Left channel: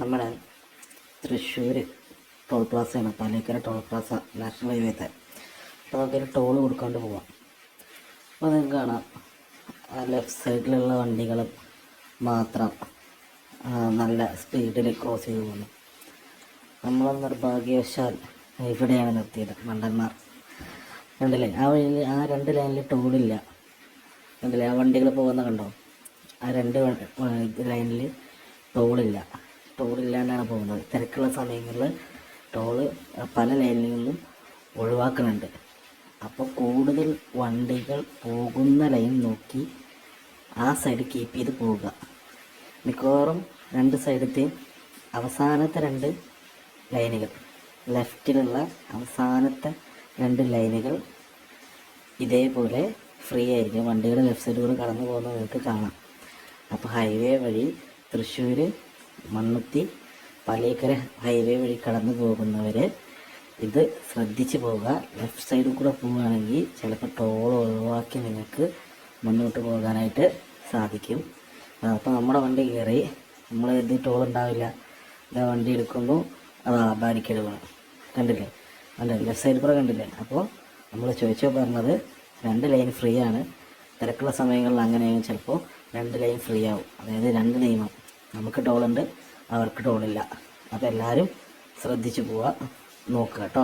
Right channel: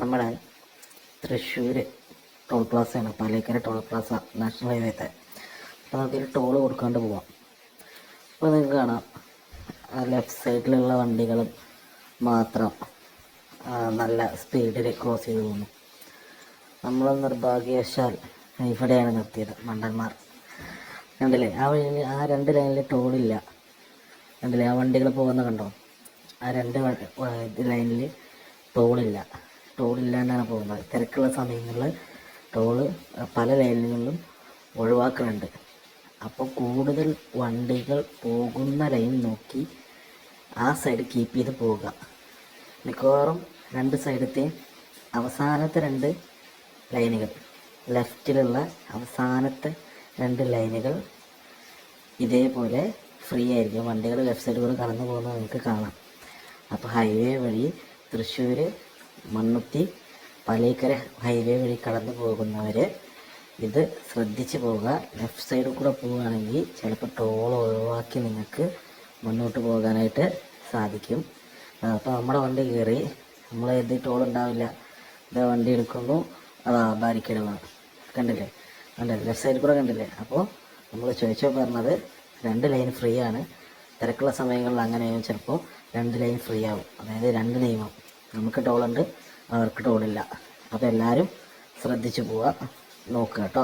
നമ്മുടെ Thrissur toll പ്ലാസയാണ് Paliekkara toll plaza national highway തന്നെ അപ്പോൾ നമുക്കൊരു ടോൾ കൊടുക്കാണ്ട് പോവാം. അപ്പോൾ നിങ്ങൾക്ക് കാണാം. ലെഫ്റ്റ് സൈഡിലുള്ള വണ്ടികളും മാത്രം നല്ല സ്പീഡിൽ ക്രോസ് ചെയ്ത് പോകുന്നു. നമ്മൾ നിർഭാഗ്യവശാൽ ഇവിടെയാണ് നിർത്തിയത് മണ്ടന്മാർ. രണ്ട് ലൈൻ ആ വഴിയിൽ ആ രണ്ട് ലൈനിൽ ടോളില്ല കണ്ടില്ലേ? ആ വണ്ടികൾ പോകുന്ന കണ്ടോ? ആ രണ്ട് ലൈനിൽ ടോളില്ല ടോളില്ലാണ്ടാണ് പോകുന്നത്. തിരക്കുള്ള സമയങ്ങളിൽ ടോൾ പല ലൈനുകളിലും ഒഴിവാക്കുന്നുണ്ട്. അപ്പോൾ കൂടുതൽ വണ്ടികൾ പോകുന്ന ലൈൻ നോക്കി ആ സൈഡ് കീപ്പ് ചെയ്ത് പോവുക. മിക്കവാറും രണ്ട് സൈഡത്തെ അവസാനത്തെ രണ്ട് ലൈനുകൾ ലെഫ്റ്റിലുള്ള അവസാനത്തെ രണ്ട് ലൈനുകൾ ഇതേപോലെ ഫ്രീ ആയിരിക്കും. വണ്ടികൾ ലെഫ്റ്റ് സൈഡിലൂടെ കടന്നു പോകുന്നത് നിങ്ങൾക്ക് കാണാം. അപ്പോൾ ഹൈവേ വഴി തൃശ്ശൂർ മണ്ണുത്തി പലേക്കര ഹൈവേ വഴി കടന്നു പോകുന്നവർ ഇത് ശ്രദ്ധിച്ച് പോവുക. ലെഫ്റ്റ് സൈഡിൽ കൂടെ പോവുകയാണെങ്കിൽ ചിലപ്പോൾ ടോൾ ഒഴിവാക്കി നിങ്ങൾക്ക് മുന്നോട്ട് പോകാനായിട്ട് സാധിക്കും. അപ്പോൾ നമ്മുടെ വണ്ടി കയറി. നമ്മൾ എഴുതി ടോൾ ഉണ്ടാവില്ല. വണ്ടി എടുക്കുന്നു. അതാ ബാരിക്കേഡ് വേണം. കണ്ടില്ലേ? കണ്ടില്ലേ ലെഫ്റ്റ് സൈഡിൽ കൂടെ കണ്ടില്ലേ? അപ്പോൾ നമ്മൾ ചോദിച്ചാൽ പറഞ്ഞത് രണ്ട് ലൈൻ ഫ്രീ ആണ്. തിരക്കുള്ള സമയങ്ങളിൽ അങ്ങനെയാണ് ചിലപ്പോൾ രണ്ട് ലൈൻ ഫ്രീ ആവും. അതായത് രണ്ട് നിയമം നമുക്ക് ടോളുണ്ട് അവർക്ക് ടോളില്ല അപ്പോൾ എല്ലാവരും ശ്രദ്ധിച്ചു പോവുക. നോക്കുക കേട്ടോ.